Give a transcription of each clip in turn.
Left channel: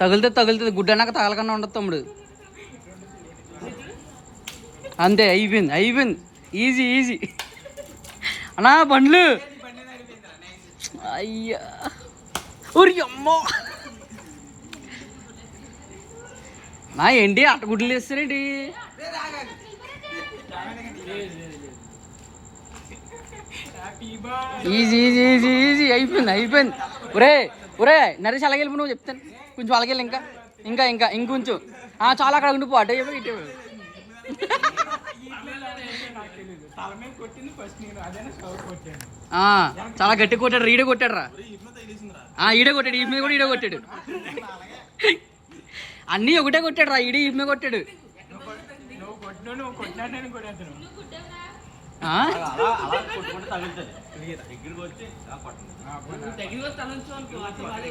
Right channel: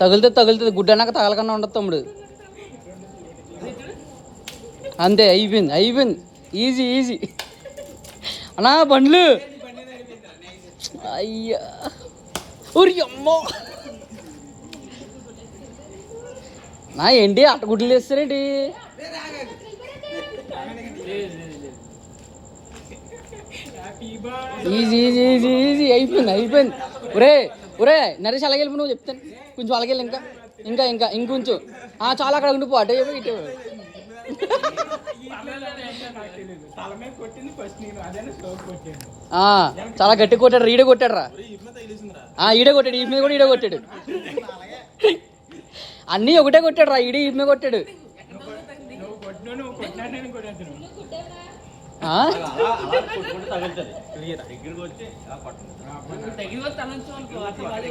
తగులుతుంది గుడ్డన్నాక తగలకన్నా ఉండదు తమ్ముడు. అంతే అయిపోయింది. ఈజీ అన్నా బండ్లు. అయ్యా ఊరి అమ్మో నా ఏంటి అట్టగుడ్లు వేస్తారేంటి? ఈజీ అయిపోయింది. ఒరే నరేష్ అలాగే వెళ్ళి నువ్వు చెప్తాను కొంచెం అలాగే ఇంకా ఇంకొంచెం చాలా అక్కడ ఉండిపో అటే ఇటే. చాలా గట్టి కొట్టాడు. ఈడే కొట్టాడు రా. ఈడే కొట్టాడు. ఈ మీద కూడా ఈడే కొట్టాడు. అన్నీ ఒకటే కొట్టాడు రా. ఈడే ఈ మీద కొట్టాడు.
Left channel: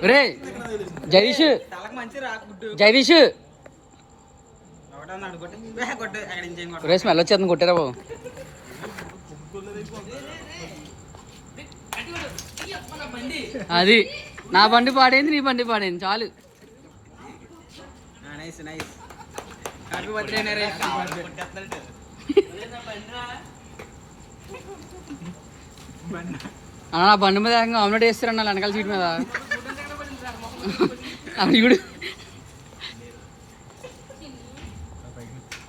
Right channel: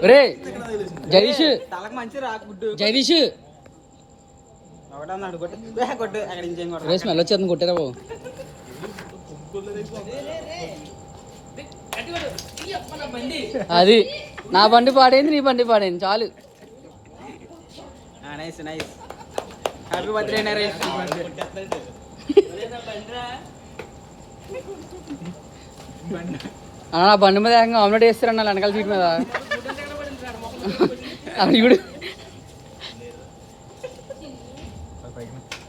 రే జగదీష్ రే స్మెల్ వచ్చేది కొట్టారా బాబు. అది నా బండి పాడైంది, నీ బండి పాడైంది. చాలు. నా బండి మీద ఆమ్లెట్ వేస్తారన్న వెనకాల సీట్ మీద.